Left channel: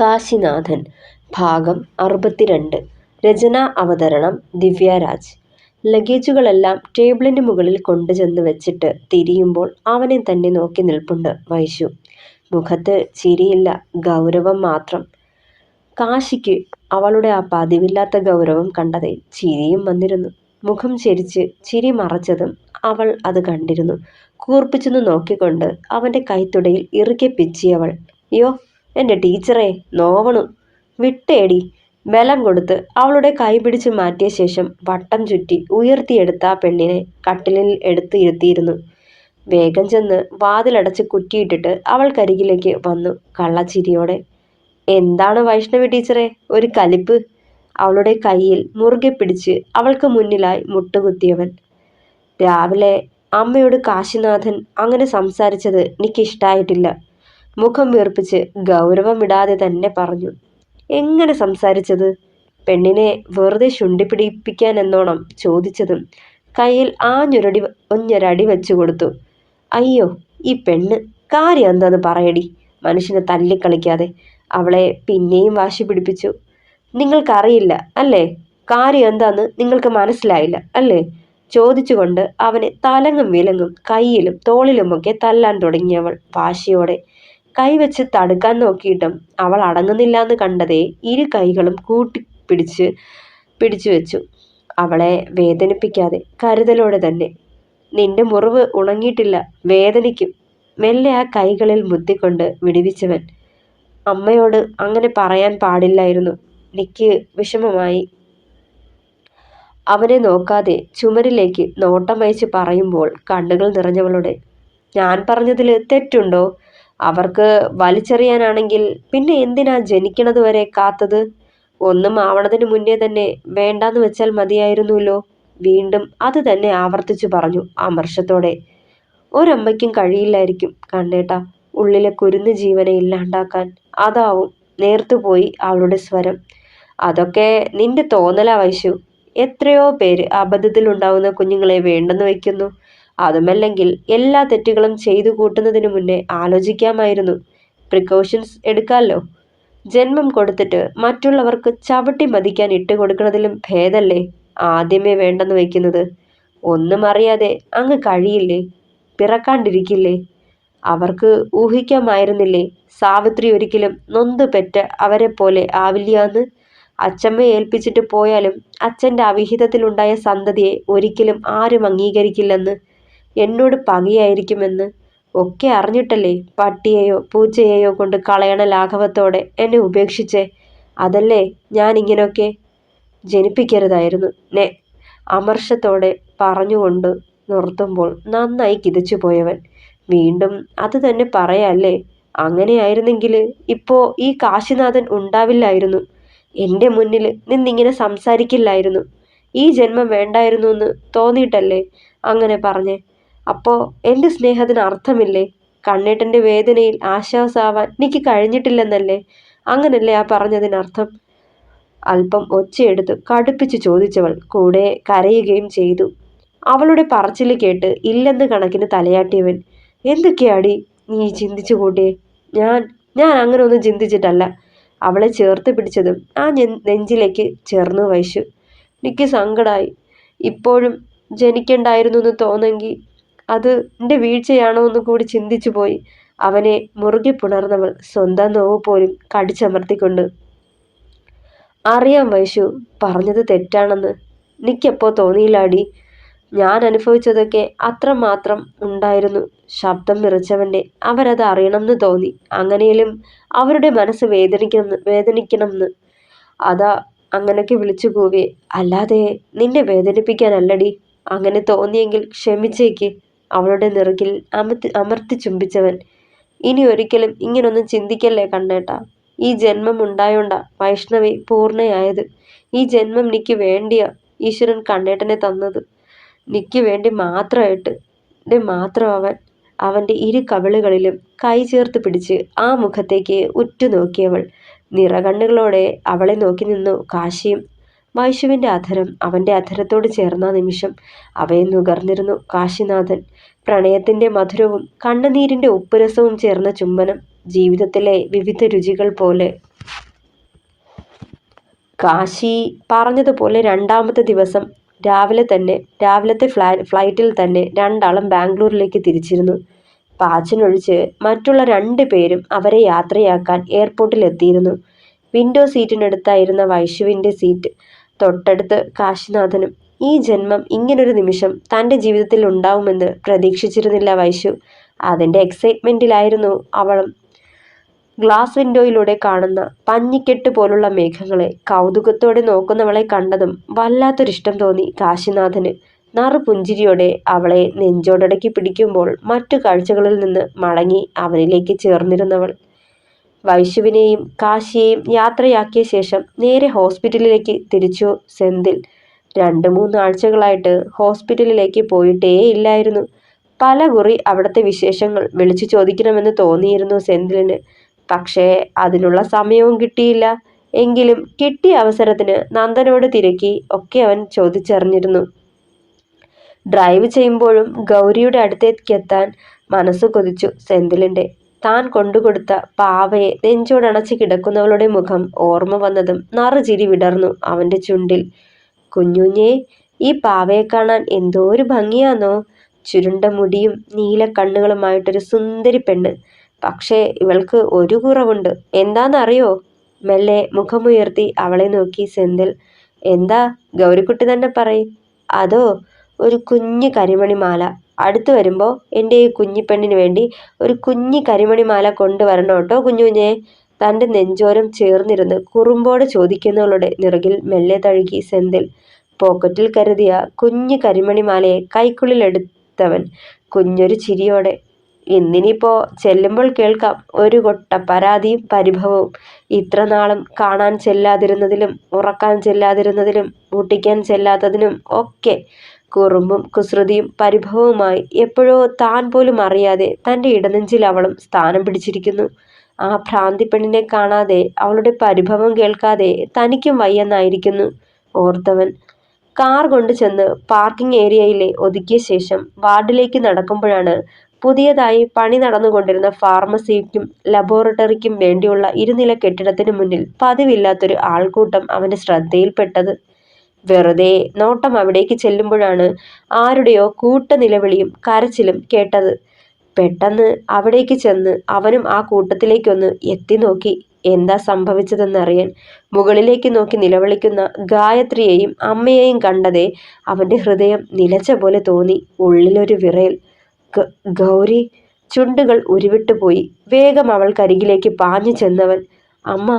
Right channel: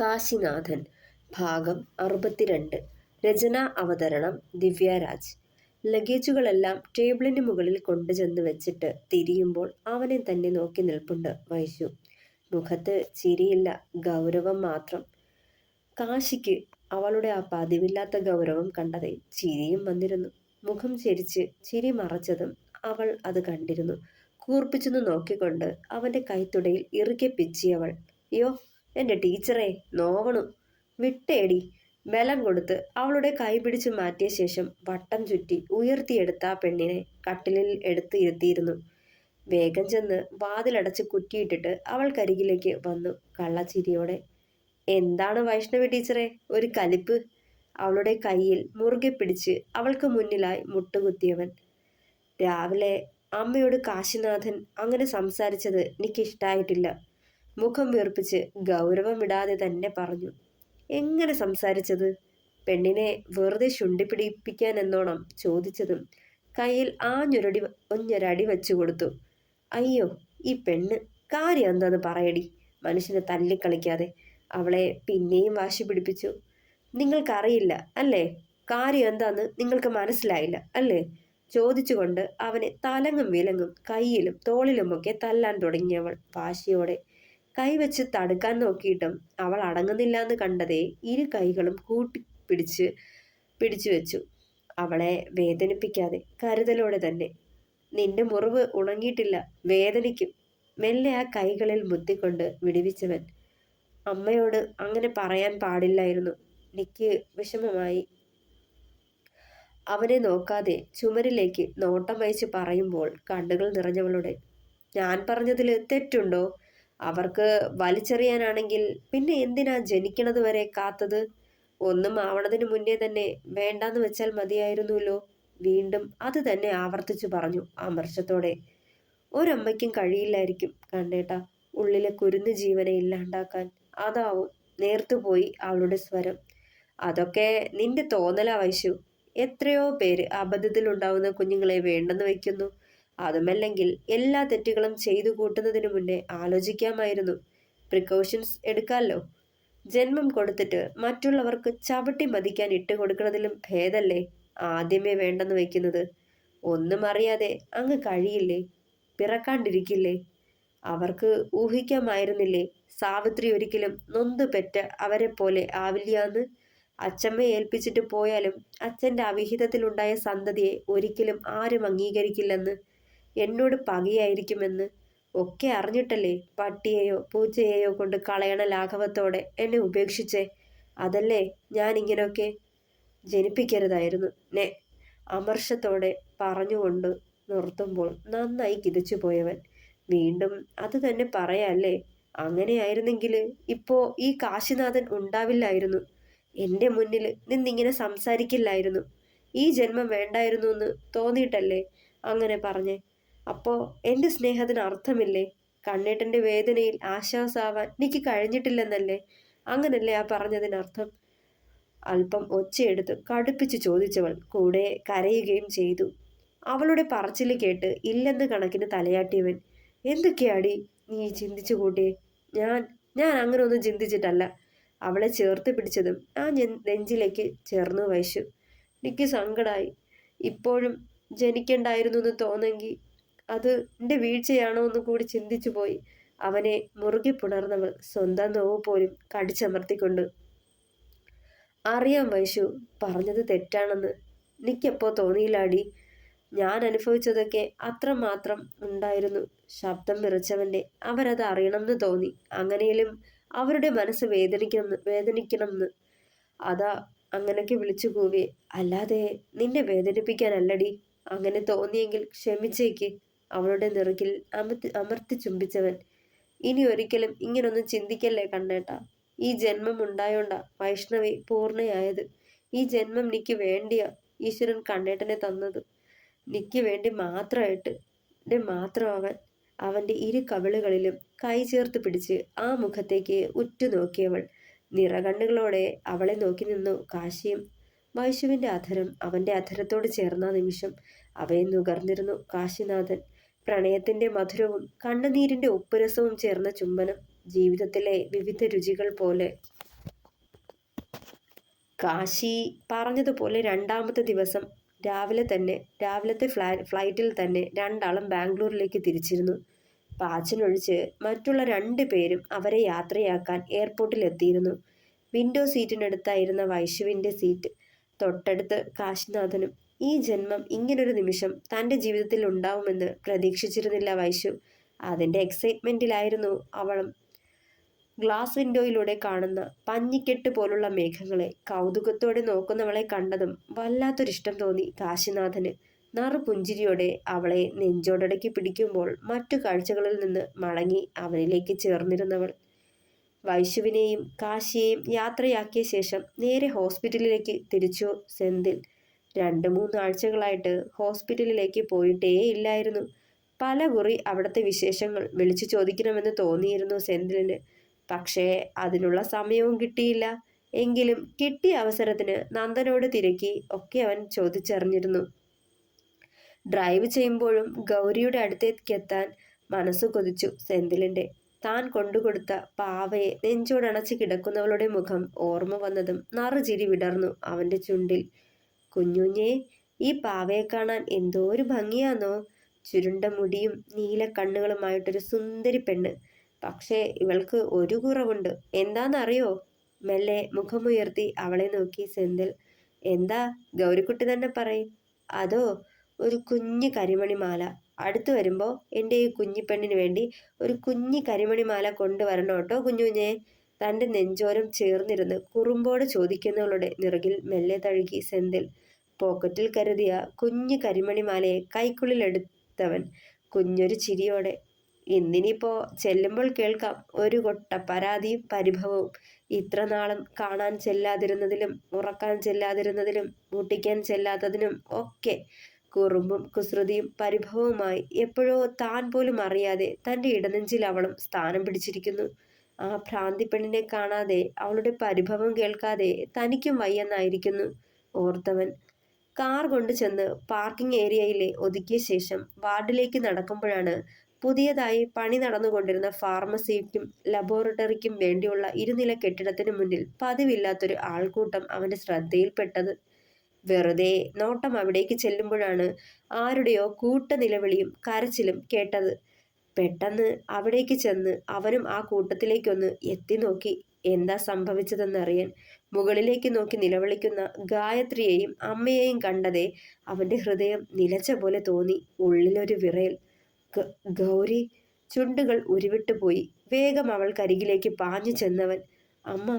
കാശിനാഥൻ ഭാഗം 62. രചന അവതരണം ദിവ്യരാജ്. ലഗേജുകളെല്ലാം ടേബിളിന് മുകളിൽ കൊണ്ടുചെന്ന് വെച്ചിട്ട് തിരിയുമ്പോൾ അവനെ തന്നെ നോക്കി നിൽപ്പുണ്ട് വൈശു. മുഖത്ത് ചിരിയില്ല, ഗൗരവം മാത്രം. കാശിക്ക് അവളുടെ ആ പതിവില്ലാത്ത ഗൗരവം കണ്ടതേ ചിരിയും വന്നിരുന്നു. മുഖം ചെരിച്ച് ചിരി മറച്ചതും അവൾ അത് കണ്ടിരുന്നു. കൂർപ്പിച്ചൊന്ന് നോക്കിക്കൊണ്ട് അവൻ്റെ കൈത്തുടയിൽ ഇറുകെ പിച്ചിയവൾ. യോ എൻ്റെ ടീച്ചറെ, നോവണു വിട്ടേടി. ബലം കൊടുത്ത് അവളുടെ കൈ പിടിച്ച് മാറ്റിയ ശേഷം വട്ടം ചുറ്റി ഉയർത്തിയെടുത്ത ആ പെണ്ണിനെ കട്ടിലിൽ എടുത്ത് ഇരുത്തിയിരുന്നു. വേഗം ചെന്ന് വാതിലടച്ച് കുറ്റിയിട്ടിട്ട് അവൾക്കരികിലേക്ക് വന്നു കള്ളച്ചിരിയോടെ. എന്താണ് വൈഷ്ണവി ടീച്ചറെ ഒരു കലിപ്പ്? അവളുടെ കയ്യിൽ മുറുകെ പിടിച്ച് അവൾക്ക് മുന്നിലായി മുട്ടുകുത്തിയവൻ. രാവിലെ അമ്മയോട് കാശിനാഥൻ അങ്ങനെ സംസാരിച്ചത് എനിക്കിഷ്ടായിട്ടില്ല. മുഖം വീർപ്പിച്ച് ഗൗരവം വിടാതെ തന്നെ പറഞ്ഞു. എങ്ങനെ സംസാരിച്ചത്? പെണ്ണിനെ വെറുതെ ശുണ്ടിപ്പിടിപ്പിക്കാനെന്നോണം ചോദിച്ചതും കയ്യിൽ ഒഞ്ഞൊരടി വെച്ചു കൊടുത്തു. അയ്യോ ഈ പെണ്ണ്, കാര്യം എന്താന്ന് പറയടി. മനുഷ്യനെ തല്ലിക്കളിക്കാതെ. അവളെ പിന്നെയും വാശി പിടിപ്പിച്ചു. നിങ്ങൾക്കറിയില്ല അല്ലേ? കാര്യം എന്താന്ന് നിങ്ങൾക്ക് മനസ്സിലായില്ല അല്ലേ? ചോദിച്ചുകൊണ്ട് അവനെ തലങ്ങും വിലങ്ങും കയ്യിലും തോളിലുമൊക്കെ തല്ലാൻ തുടങ്ങിയവൾ വാശിയോടെ. കൈവച്ച് തടുക്കാൻ നോക്കിയിട്ടും അവൾ അടങ്ങുന്നില്ലാന്ന് കണ്ടതേ ഇരു കൈകളും പിടിച്ചു വെച്ചു. അവളെ വേദനിപ്പിക്കാതെ കരുതലോടെ തന്നെ. നിന്റെ മുറിവ് ഉണങ്ങിയിട്ടില്ല, വേദനിക്കും. മെല്ലെ ആ കൈകളിൽ മുത്തിക്കൊണ്ട് വിടുവിച്ചവൻ. അമ്മയോട് അങ്ങനെ പറയാൻ പാടില്ലായിരുന്നു. എനിക്ക് വിഷമമായി. അവനെ നോക്കാതെ ചുമരിലേക്ക് നോട്ടം അയച്ച് പറയുമ്പോൾ കണ്ണുകൾ നിറഞ്ഞവളുടെ. ഞാൻ പറഞ്ഞതിൽ തെറ്റുണ്ടോ? അവർക്ക് വലിച്ചെറിയാനാണെങ്കിൽ പിന്നെ എന്തിനാ ജനിക്കണത് വരെ കാത്തത്? ഒന്നും ആവണതിന് മുന്നേ തന്നെ വേണ്ടാന്ന് വെച്ചാൽ മതിയായിരുന്നല്ലോ. വീണ്ടും അത് തന്നെ ആവർത്തിച്ചു പറഞ്ഞു അമർഷത്തോടെ. ഒരമ്മയ്ക്കും കഴിയില്ലായിരിക്കും കണ്ണേട്ടാ ഉള്ളിലെ കുരുന്ന് ജീവനെ ഇല്ലാണ്ടാക്കാൻ. അതാവും. നേർത്തുപോയി അവളുടെ സ്വരം. അതൊക്കെ നിന്റെ തോന്നലാ വൈശു. എത്രയോ പേര് അബദ്ധത്തിലുണ്ടാവുന്ന കുഞ്ഞുങ്ങളെ വേണ്ടെന്ന് വയ്ക്കുന്നു. അതുമല്ലെങ്കിൽ എല്ലാ തെറ്റുകളും ചെയ്തു കൂട്ടുന്നതിന് മുന്നേ ആലോചിക്കാമായിരുന്നു. പ്രിക്കോഷൻസ് എടുക്കാമല്ലോ. ജന്മം കൊടുത്തിട്ട് മറ്റുള്ളവർക്ക് ചവിട്ടി മതിക്കാൻ ഇട്ടുകൊടുക്കുന്നതിലും ഭേദല്ലേ ആദ്യമേ വേണ്ടെന്ന് വയ്ക്കുന്നത്. ഒന്നും അറിയാതെ അങ്ങ് കഴിയില്ലേ? പിറക്കാണ്ടിരിക്കില്ലേ? അവർക്ക് ഊഹിക്കാമായിരുന്നില്ലേ സാവിത്രി ഒരിക്കലും നൊന്ത് പെറ്റ അവരെ പോലെ ആവില്ലാന്ന്? അച്ഛമ്മയെ ഏൽപ്പിച്ചിട്ട് പോയാലും അച്ഛൻ്റെ അവിഹിതത്തിലുണ്ടായ സന്തതിയെ ഒരിക്കലും ആരും അംഗീകരിക്കില്ലെന്ന്, എന്നോട് പകയായിരിക്കുമെന്ന് ഒക്കെ അറിഞ്ഞിട്ടല്ലേ പട്ടിയെയോ പൂച്ചയെയോ കൊണ്ട് കളയണ ലാഘവത്തോടെ എന്നെ ഉപേക്ഷിച്ചേ. അതല്ലേ ഞാൻ ഇങ്ങനെയൊക്കെ. ജനിപ്പിക്കരുതായിരുന്നു നെ അമർഷത്തോടെ പറഞ്ഞുകൊണ്ട് നിർത്തുമ്പോൾ നന്നായി കിതച്ചു പോയവൻ. വീണ്ടും അത് തന്നെ പറയാല്ലേ? അങ്ങനെയായിരുന്നെങ്കിൽ ഇപ്പോൾ ഈ കാശിനാഥൻ ഉണ്ടാവില്ലായിരുന്നു. എൻ്റെ മുന്നിൽ നിന്നിങ്ങനെ സംസാരിക്കില്ലായിരുന്നു. ഈ ജന്മം വേണ്ടായിരുന്നു എന്ന് തോന്നിയിട്ടല്ലേ അങ്ങനെ പറഞ്ഞേ? അപ്പോൾ എൻ്റെ സ്നേഹത്തിന് അർത്ഥമില്ലേ? കണ്ണേട്ടൻ്റെ വേദനയിൽ ആശ്വാസമാവാൻ എനിക്ക് കഴിഞ്ഞിട്ടില്ലെന്നല്ലേ? അങ്ങനല്ലേ ആ പറഞ്ഞതിനർത്ഥം? അല്പം ഒച്ചയെടുത്ത് കടുപ്പിച്ച് ചോദിച്ചവൾ കൂടെ കരയുകയും ചെയ്തു. അവളുടെ പറച്ചിൽ കേട്ട് ഇല്ലെന്ന് കണക്കിന് തലയാട്ടിയവൻ. എന്തൊക്കെയാടി നീ ചിന്തിച്ചു കൂട്ടിയേ? ഞാൻ അങ്ങനെ ഒന്നും ചിന്തിച്ചിട്ടല്ല. അവളെ ചേർത്ത് പിടിച്ചതും ആ നെഞ്ചിലേക്ക് ചേർന്നു വൈശു. എനിക്ക് സങ്കടമായി. ഇപ്പോഴും ജനിക്കണ്ടായിരുന്നു എന്ന് തോന്നെങ്കിൽ അത് എൻ്റെ വീഴ്ചയാണോ എന്ന് കൂടി ചിന്തിച്ചു പോയി. അവനെ മുറുകെ പുണർന്നവൾ സ്വന്തം നോവ് പോലും കടിച്ചമർത്തിക്കൊണ്ട്. അറിയാം വൈശു, പറഞ്ഞത് തെറ്റാണെന്ന്. എനിക്കെപ്പോ തോന്നിയില്ലാടി. ഞാൻ അനുഭവിച്ചതൊക്കെ അത്രമാത്രം ഉണ്ടായിരുന്നു. ശബ്ദം വിറച്ചവൻ്റെ. അവരത് അറിയണമെന്ന് തോന്നി. അങ്ങനെയും അവരുടെ മനസ്സ് വേദനിക്കണമെന്ന്. അതാ അങ്ങനെയൊക്കെ വിളിച്ചു കൂവിയേ. അല്ലാതെ നിന്നെ വേദനിപ്പിക്കാനല്ലടി. അങ്ങനെ തോന്നിയെങ്കിൽ ക്ഷമിച്ചേക്ക്. അവളുടെ നെറുകിൽ അമർത്തി ചുംബിച്ചവൻ. ഇനി ഒരിക്കലും ഇങ്ങനൊന്നും ചിന്തിക്കല്ലേ കണ്ണേട്ടാ. ഈ ജന്മം ഉണ്ടായോണ്ടാ വൈഷ്ണവി പൂർണ്ണയായത്. ഈ ജന്മം എനിക്ക് വേണ്ടിയാ ഈശ്വരൻ കണ്ണേട്ടനെ തന്നത്. എനിക്ക് വേണ്ടി മാത്രമായിട്ട്. എൻ്റെ മാത്രം അവൻ്റെ ഇരു കവിളുകളിലും കൈ ചേർത്ത് പിടിച്ച് ആ മുഖത്തേക്ക് ഉറ്റുനോക്കിയവൾ. നിറകണ്ണുകളോടെ അവളെ നോക്കി നിന്നു കാശിയും. വൈശുവിൻ്റെ അധരം അവൻ്റെ അധരത്തോട് ചേർന്ന നിമിഷം അവയെ നുകർന്നിരുന്നു കാശിനാഥൻ. പ്രണയത്തിൻ്റെ മധുരവും കണ്ണുനീരിൻ്റെ ഉപ്പുരസവും ചേർന്ന ചുംബനം. ജീവിതത്തിലെ വിവിധ രുചികൾ പോലെ. കാശി പറഞ്ഞതുപോലെ രണ്ടാമത്തെ ദിവസം രാവിലത്തെ ഫ്ലൈറ്റിൽ തന്നെ രണ്ടാളും ബാംഗ്ലൂരിലേക്ക് തിരിച്ചിരുന്നു. പാച്ചനൊഴിച്ച് മറ്റുള്ള 2 പേരും അവരെ യാത്രയാക്കാൻ എയർപോർട്ടിൽ എത്തിയിരുന്നു. വിൻഡോ സീറ്റിനടുത്തായിരുന്ന വൈശുവിൻ്റെ സീറ്റ് തൊട്ടടുത്ത് കാശിനാഥനും. ഈ ജന്മം ഇങ്ങനൊരു നിമിഷം തൻ്റെ ജീവിതത്തിൽ ഉണ്ടാവുമെന്ന് പ്രതീക്ഷിച്ചിരുന്നില്ല വൈശു. അതിൻ്റെ എക്സൈറ്റ്മെൻറ്റിലായിരുന്നു അവളും. ഗ്ലാസ് വിൻഡോയിലൂടെ കാണുന്ന പഞ്ഞിക്കെട്ട് പോലുള്ള മേഘങ്ങളെ കൗതുകത്തോടെ നോക്കുന്നവളെ കണ്ടതും വല്ലാത്തൊരിഷ്ടം തോന്നി കാശിനാഥന്. നറുപുഞ്ചിരിയോടെ അവളെ നെഞ്ചോടടക്കി പിടിക്കുമ്പോൾ മറ്റു കാഴ്ചകളിൽ നിന്ന് മടങ്ങി അവനിലേക്ക് ചേർന്നിരുന്നവൾ. വൈശുവിനെയും കാശിയെയും യാത്രയാക്കിയ ശേഷം നേരെ ഹോസ്പിറ്റലിലേക്ക് തിരിച്ചു സെന്തിൽ. 2-3 ആഴ്ചകളായിട്ട് ഹോസ്പിറ്റലിലേക്ക് പോയിട്ടേ ഇല്ലായിരുന്നു. പലകുറി അവിടുത്തെ വിശേഷങ്ങൾ വിളിച്ചു ചോദിക്കണമെന്ന് തോന്നിയിരുന്നു സെന്തിലിന്. പക്ഷേ അതിനുള്ള സമയവും കിട്ടിയില്ല. എങ്കിലും കിട്ടിയ അവസരത്തിന് നന്ദനോട് തിരക്കി ഒക്കെ അവൻ ചോദിച്ചറിഞ്ഞിരുന്നു. ഡ്രൈവ് ചെയ്യുമ്പോഴും ഗൗരിയുടെ അടുത്തേക്കെത്താൻ മനസ്സ് കൊതിച്ചു സെന്തിലിൻ്റെ. താൻ കൊണ്ടുകൊടുത്ത പാവയെ നെഞ്ചോടണച്ച് കിടക്കുന്നവളുടെ മുഖം ഓർമ്മ വന്നതും നറുചിരി വിടർന്നു അവൻ്റെ ചുണ്ടിൽ. കുഞ്ഞുഞ്ഞേ, ഈ പാവയെ കാണാൻ എന്തോ ഒരു ഭംഗിയാന്നോ. ചുരുണ്ട മുടിയും നീല കണ്ണുകളുമായിട്ടൊരു സുന്ദരി പെണ്ണ്. പക്ഷേ ഇവൾക്ക് ഒരു കുറവുണ്ട്. എന്താണെന്നറിയോ? മെല്ലെ മുഖമുയർത്തി അവളെ നോക്കി സെന്തിൽ. എന്താ? ഗൗരിക്കുട്ടി തന്നെ പറയും. അതോ, ഒരു കുഞ്ഞു കരിമണിമാല. അടുത്ത് വരുമ്പോൾ എൻ്റെ ഈ കുഞ്ഞിപ്പെണ്ണിന് വേണ്ടി ഒരു കുഞ്ഞി കരിമണിമാല കൊണ്ടുവരണം കേട്ടോ കുഞ്ഞുഞ്ഞേ. തൻ്റെ നെഞ്ചോരം ചേർന്നിരുന്ന് കുറുമ്പോടെ ചോദിക്കുന്നവളുടെ നിറകിൽ മെല്ലെ തഴുകി സെന്തിൽ. പോക്കറ്റിൽ കരുതിയ കുഞ്ഞു കരിമണിമാലയെ കൈക്കുള്ളിലെടുത്തവൻ കുഞ്ഞൊരു ചിരിയോടെ. ഇന്നിനിപ്പോ ചെല്ലുമ്പോൾ കേൾക്കാം ഒരു കൊട്ട പരാതിയും പരിഭവവും. ഇത്ര നാളും കാണാൻ ചെല്ലാതിരുന്നതിലും ഉറക്കാൻ ചെല്ലാതിരുന്നതിലും മുട്ടിക്കാൻ ചെല്ലാത്തതിനും ഒക്കെ കുറുമ്പും കുസൃതിയും പരിഭവവുമായി എപ്പോഴോ താൻ പോലും അറിയാതെ തൻ്റെ ഇടനെഞ്ചിൽ അവളും സ്ഥാനം പിടിച്ചിരിക്കുന്നു. ആ ഭ്രാന്തി പെണ്ണിനെ കാണാതെ അവളുടെ പരിഭവം കേൾക്കാതെ തനിക്കും വയ്യെന്നായിരിക്കുന്നു ഓർത്തവൻ. കാർ കൊണ്ട് ചെന്ന് പാർക്കിംഗ് ഏരിയയിലെ ഒതുക്കിയ ശേഷം വാർഡിലേക്ക് നടക്കുമ്പോഴാണ് പുതിയതായി പണി നടന്നുകൊണ്ടിരുന്ന ഫാർമസിക്കും ലബോറട്ടറിക്കും വേണ്ടിയുള്ള ഇരുനില കെട്ടിടത്തിന് മുന്നിൽ പതിവില്ലാത്തൊരു ആൾക്കൂട്ടം അവൻ്റെ ശ്രദ്ധയിൽപ്പെട്ടത്. വെറുതെ നോട്ടം അവിടേക്ക് ചെല്ലുമ്പോഴാണ് ആരുടെയോ കൂട്ടനിലവിളിയും കരച്ചിലും കേട്ടത്. പെട്ടെന്ന് അവിടേക്ക് ചെന്ന് അവനും ആ കൂട്ടത്തിലേക്കൊന്ന് എത്തി നോക്കി എന്താ സംഭവിച്ചതെന്നറിയാൻ. മുകളിലേക്ക് നോക്കി നിലവിളിക്കുന്ന ഗായത്രിയെയും അമ്മയെയും കണ്ടതേ അവൻ്റെ ഹൃദയം നിലച്ച പോലെ തോന്നി. ഉള്ളിലൊരു വിറയൽ. ഗൗരി! ചുണ്ടുകൾ ഉരുവിട്ടുപോയി. വേഗം അവൾക്കരികിലേക്ക് പാഞ്ഞു ചെന്നവൻ. അമ്മ,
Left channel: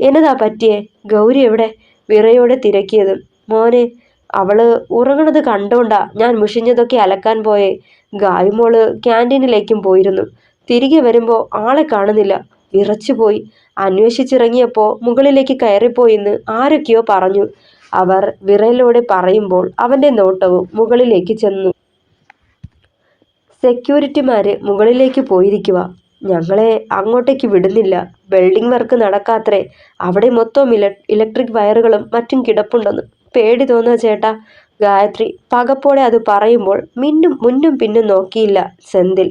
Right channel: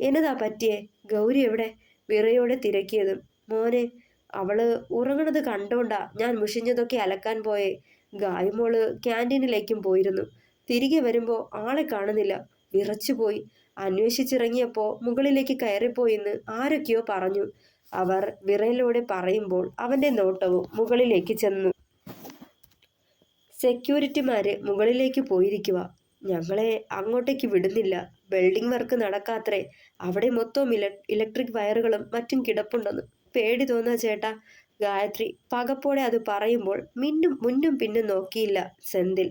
എന്നതാ പറ്റിയേ? ഗൗരി എവിടെ? വിറയോടെ തിരക്കിയതും. മോനെ, അവള് ഉറങ്ങണത് കണ്ടോണ്ടാ ഞാൻ മുഷിഞ്ഞതൊക്കെ അലക്കാൻ പോയേ. ഗായുമോള് ക്യാൻറ്റീനിലേക്കും പോയിരുന്നു. തിരികെ വരുമ്പോൾ ആളെ കാണുന്നില്ല. വിറച്ചുപോയി. അന്വേഷിച്ചിറങ്ങിയപ്പോൾ മുകളിലേക്ക് കയറിപ്പോയിന്ന് ആരൊക്കെയോ പറഞ്ഞു. അവർ വിറയലോടെ പറയുമ്പോൾ അവൻ്റെ നോട്ടവും മുകളിലേക്ക് ചെന്നു. സെക്യൂരിറ്റിമാര് മുകളിലേക്ക് പോയിരിക്കുക. ഞങ്ങളെ അങ്ങോട്ടേക്ക് വിടുന്നില്ല. വെൽഡിംഗ് വർക്ക് നടക്കാത്രേ. അവിടെ മൊത്തം ഇലക്ട്രിക് വയറുകളും മറ്റും കിടപ്പുണ്ടെന്ന്. പേടി തോന്നുക ചേട്ടാ. ഗായത്രി പകപ്പോടെ അത് പറയുമ്പോൾ മുന്നും പിന്നും നോക്കിയില്ല സെന്തിൽ.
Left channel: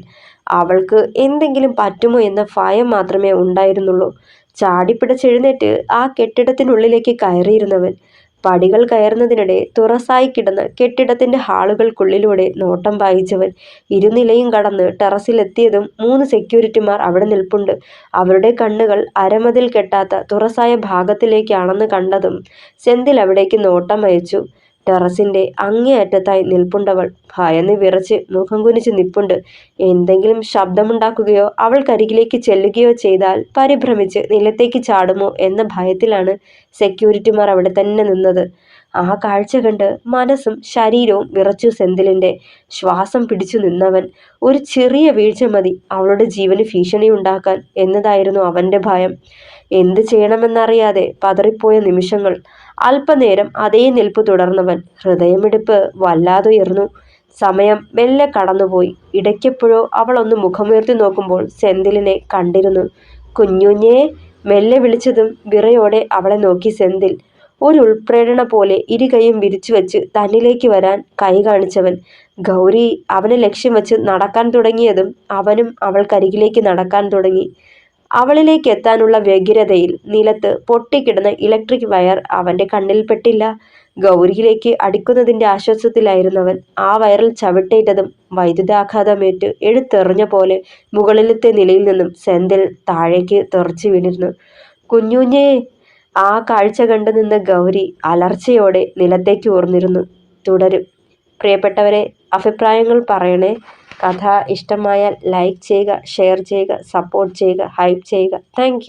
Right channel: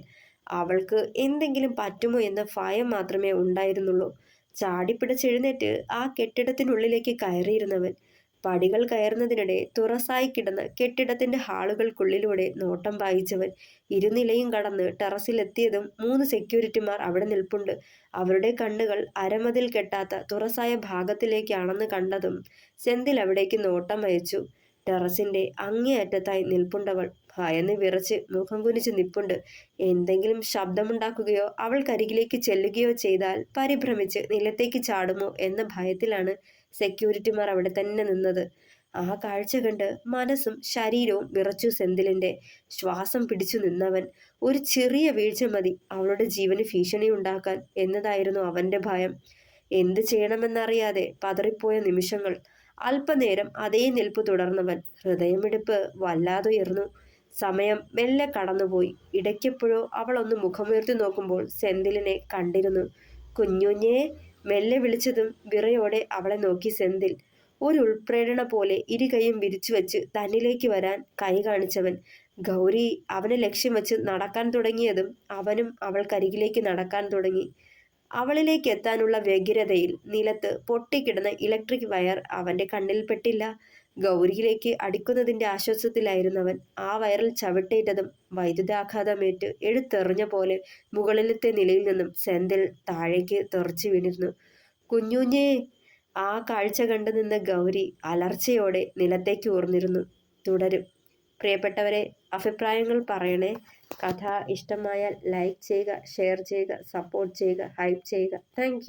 അവൾക്ക് എന്തെങ്കിലും പറ്റുമോ എന്ന ഭയം മാത്രമേ ഉണ്ടായിരുന്നുള്ളൂ. ചാടിപ്പിടച്ചെഴുന്നേറ്റ് ആ കെട്ടിടത്തിനുള്ളിലേക്ക് കയറിയിരുന്നവൻ. പടികൾ കയറുന്നതിനിടെ തുറസായി കിടന്ന കെട്ടിടത്തിൻ്റെ ഹാളുകൾക്കുള്ളിലൂടെ നോട്ടം പായിച്ചവൻ ഇരുനിലയും കടന്ന് ടെറസിലെത്തിയതും 3 സെക്യൂരിറ്റിമാർ അവിടെ നിൽപ്പുണ്ട്. അവരുടെ കണ്ണുകൾ അരമതിൽ കെട്ടാത്ത തുറസായ ഭാഗത്തിലേക്കാണെന്ന് കണ്ടതും സെന്തിൽ അവിടേക്ക് നോട്ടം അയച്ചു. ടെറസിൻ്റെ അങ്ങേയറ്റത്തായി നിൽപ്പുണ്ടവൾ. ഭയന്ന് വിറച്ച് മുഖം കുനിച്ച് നിൽപ്പുണ്ട്. എന്തെങ്കിലും ശബ്ദമുണ്ടാക്കുകയോ അവൾക്കരികിലേക്ക് ചെല്ലുകയോ ചെയ്താൽ പരിഭ്രമിച്ച് നിലത്തേക്ക് ചാടുമോ എന്ന ഭയത്തിലാണ് സെക്യൂരിറ്റിമാർ അവിടെ തന്നെ നിന്നത്. ആ കാഴ്ച കണ്ട് മനസ്സും ശരീരവും വിറച്ചു സെന്തിലിൻ്റെ. ശ്വാസം പിടിച്ചു നിന്നവൻ. ഒരു ചെറിയ വീഴ്ച മതി അവളുടെ ജീവന് ഭീഷണിയുണ്ടാക്കാൻ എന്നതായിരുന്നു അവൻ്റെ ഭയം. എന്ത് ചെയ്യണമെന്നറിയാതെ പതറിപ്പോയ നിമിഷങ്ങൾ. അല്പനേരം അതേ നിൽപ്പ് തുടർന്നവൻ. ഹൃദയമിടിപ്പ് വല്ലാതുയർന്നു. സമയം മെല്ലെ കടന്നുപോയി. ഇടയ്ക്കെപ്പോഴോ അവൾ ഒന്ന് മുഖമുയർത്തി നോക്കുമ്പോൾ സെന്തിലിനെ കണ്ടിരുന്നു. കുഞ്ഞുഞ്ഞേ! മെല്ലെ വിളിച്ചതും വിറയോടെ അവളെ നോക്കി സെന്തിൽ. ഒരു ഉൾപ്രേരണ പോലെ ഇരുകൈയും വിരിച്ചു വെച്ച് തന്നിലേക്ക് വരാൻ കൈ കാണിച്ചവൻ. ഗൗരി അവനെ ലക്ഷ്യം വെച്ച് നടക്കാൻ തുടങ്ങിയതും അവനും അവൾക്കരികിലേക്ക് നടക്കാൻ തുടങ്ങി. അവളിലേക്ക് എത്താനുള്ള വ്യഗ്രതയിൽ നിലത്ത് പൊട്ടിക്കിടന്ന ഇലക്ട്രിക് വയർ അവൻ്റെ കണ്ണിൽപ്പെട്ടില്ല. ഗൗരിയിലേക്ക് അടിക്കുന്നതിൻ്റെ ആശ്വാസത്തിലായിരുന്നവൻ. ആ വയറിൽ ചവിട്ടേറ്റതും വൈദ്യുതാഘാതമേറ്റ് എടുത്തെറിഞ്ഞ പോലെ മുകളിലത്തെ നിലയിൽ നിന്നും സെന്തിൽ താഴേക്ക് തെറിച്ചു വീണിരുന്നു. കുഞ്ഞുഞ്ഞേ! ആ കാഴ്ച കണ്ടു നിന്ന ഗൗരി അലർച്ചയോടെ നിലത്തേക്ക് ഊർന്നിരുന്നു. തുടരും. പ്രിയപ്പെട്ടവരെ, അഭിപ്രായങ്ങൾ പറയണേ. കഥ ഇഷ്ടമായാൽ ലൈക്ക് ചെയ്യുക, ഷെയർ ചെയ്യുക, സപ്പോർട്ട് ചെയ്യുക, ഹൈപ്പ് ചെയ്യുക. താങ്ക്